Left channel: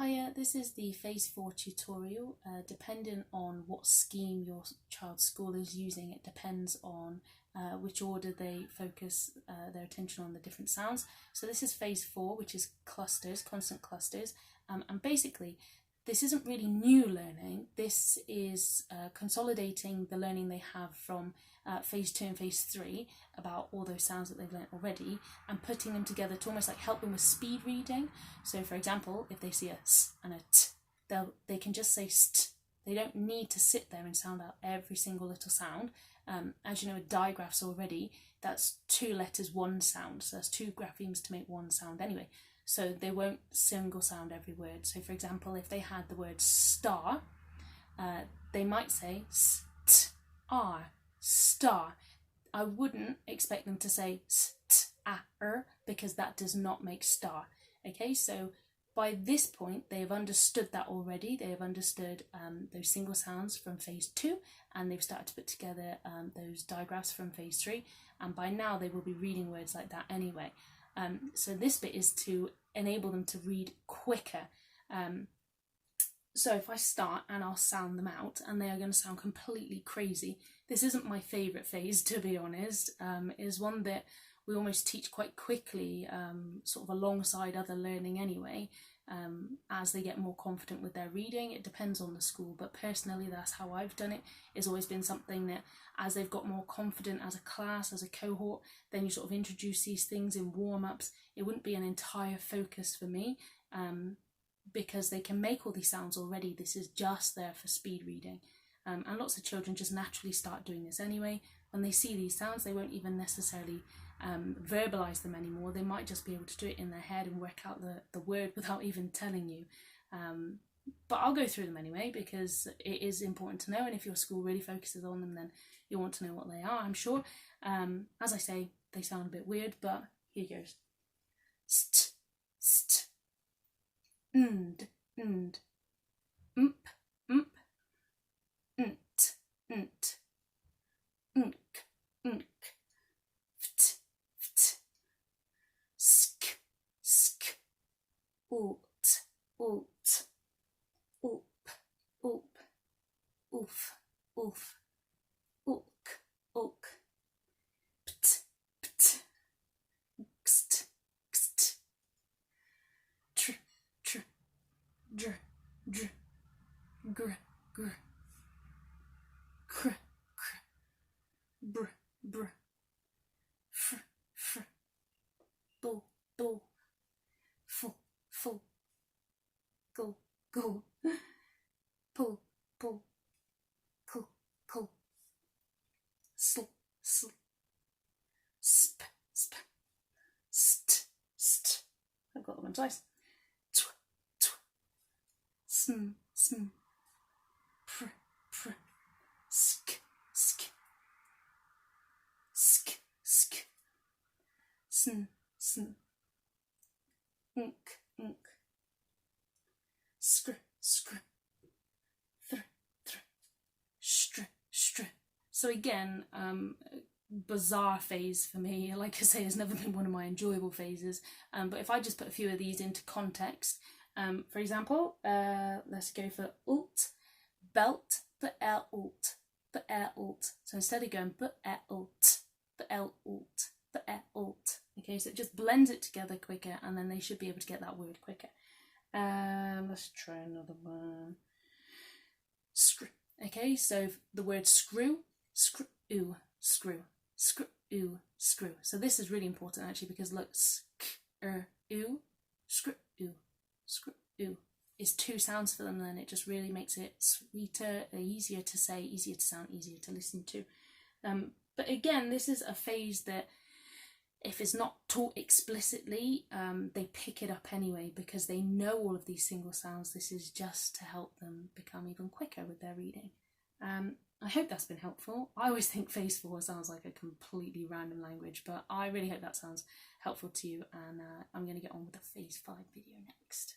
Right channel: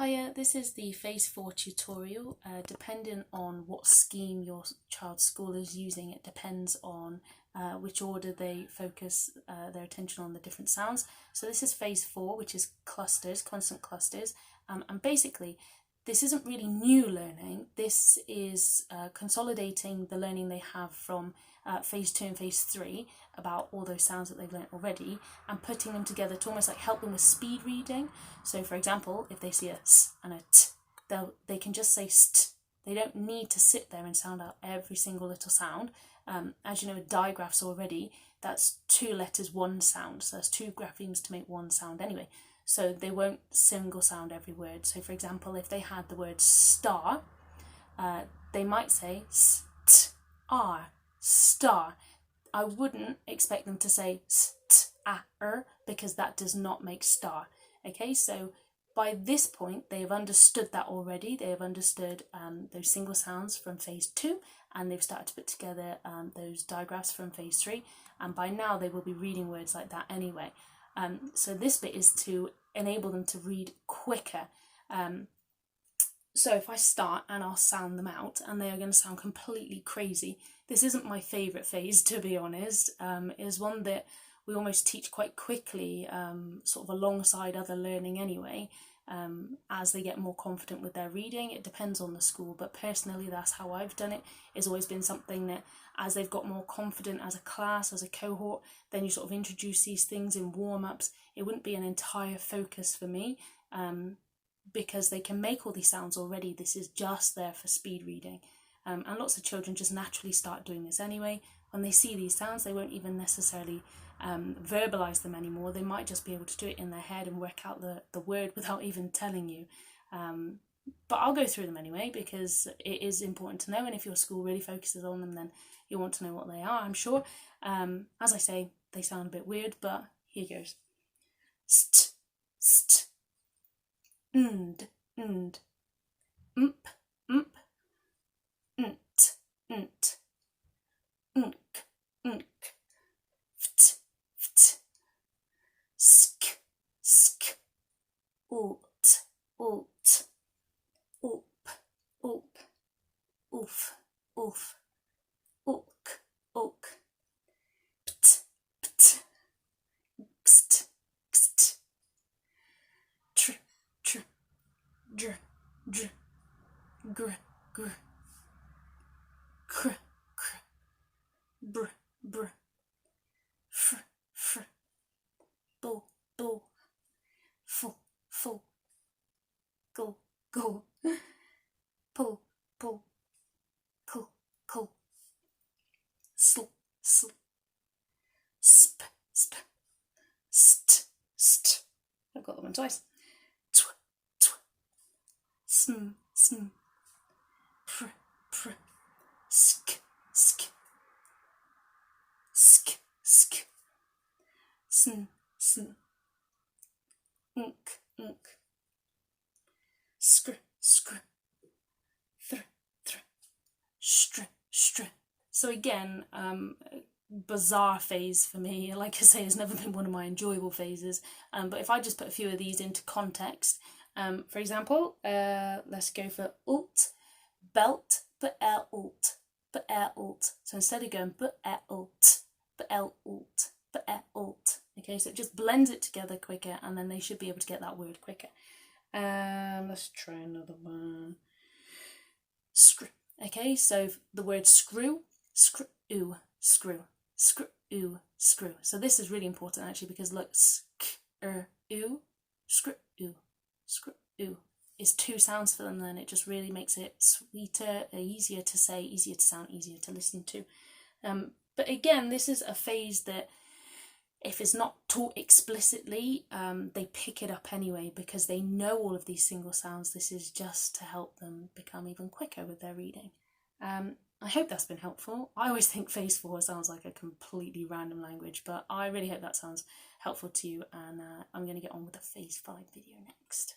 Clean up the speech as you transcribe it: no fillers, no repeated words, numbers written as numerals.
Hiya, this is the Phase 4 tutorial. Depending on what scheme your child's school is using, it depends on which order they focus their attention on the different sounds. So this is Phase 4, which is clusters, consonant clusters, and basically this isn't really new learning. This is consolidating the learning they have from Phase 2 and Phase 3 about all those sounds that they've learnt already and putting them together to almost like help them with speed reading. So for example, if they see a s and a t, they can just say st. They don't need to sit there and sound out every single little sound. As you know, with digraphs already, that's 2 letters, 1 sound. So that's 2 graphemes to make 1 sound anyway. So they won't single sound every word. So for example, if they had the word star, they might say st-ar, star. I wouldn't expect them to say st-a-r because that does not make star. Okay, so by this point, they have understood that already. They have understood those single sounds from Phase 2, and they've started to put together those digraphs from Phase 3, and by now they will be reading words like that anyway. So this bit is to enable them to read quicker. So if I start and I'll sound them out, and they are going to sound completely crazy. This isn't my favourite phase, to be honest. It is one that we almost teach quite quickly, sort of alongside other learning anyway, as they get more confident with their reading. It depends on the school, but personally that's how I've done it. It's always been something that as they've got more confident as a class, as a cohort, then you sort of introduce these things in warm-ups. It wouldn't be an entire focus for me, because they can make all these sounds already. This is just there for speed reading. And lots of children just naturally start doing this anyway. When they see these sounds, they won't even necessarily verbalise them anymore. They might just be able to do it in their head and work out the word without even telling you. But I'll go through them anyway because it is important to know, and if your school really focuses on them, then you'll want to know what they are, I'm sure. As I say, they sound a bit weird, but here goes. St, st, nd, nd, mp, mp, nt, nt, nk, nk, ft, ft, sk, sk, ult, ult, up, up, oof, oof, uk, uk, pt, pt, xt, xt, tr, tr, dr, dr, gr, gr, kr, kr, br, br, fr, fr, bo, bo, fu, fu, go, go, pull, pull, cool, cool, sl, sl, sp, sp, st, st. I've got that one twice. Tw, tw, sm, sm, pr, pr, sk, sk, sk, sk, sn, sn, unk, unk, skr, skr, thr, thr, str, str. So again, bizarre phase for me. Like I say, it's never been one of my enjoyable phases. But if I just put a few of these into context, for example, let's go for ult, belt, but ult, but ult. So instead of going but ult, but ult, but ult. Okay, so it just blends it together quicker, and then they should be able to get that word quicker. Let's try another one. Screw. Okay, so the word screw, screw, screw, screw, screw. So this is really important actually, because look, screw, screw, screw is 2 sounds for them. Then it just really makes it sweeter, easier to say, easier to sound, easier to listen to. But again, this is a phase that, if it's not taught explicitly, they pick it up anyway because they know all of these single sounds. This is just to help them become even quicker with their reading. I hope that's been helpful. I always think Phase 4 sounds like a completely random language, but I really hope that sounds helpful to you, and I'm going to get on with the Phase 5 video next.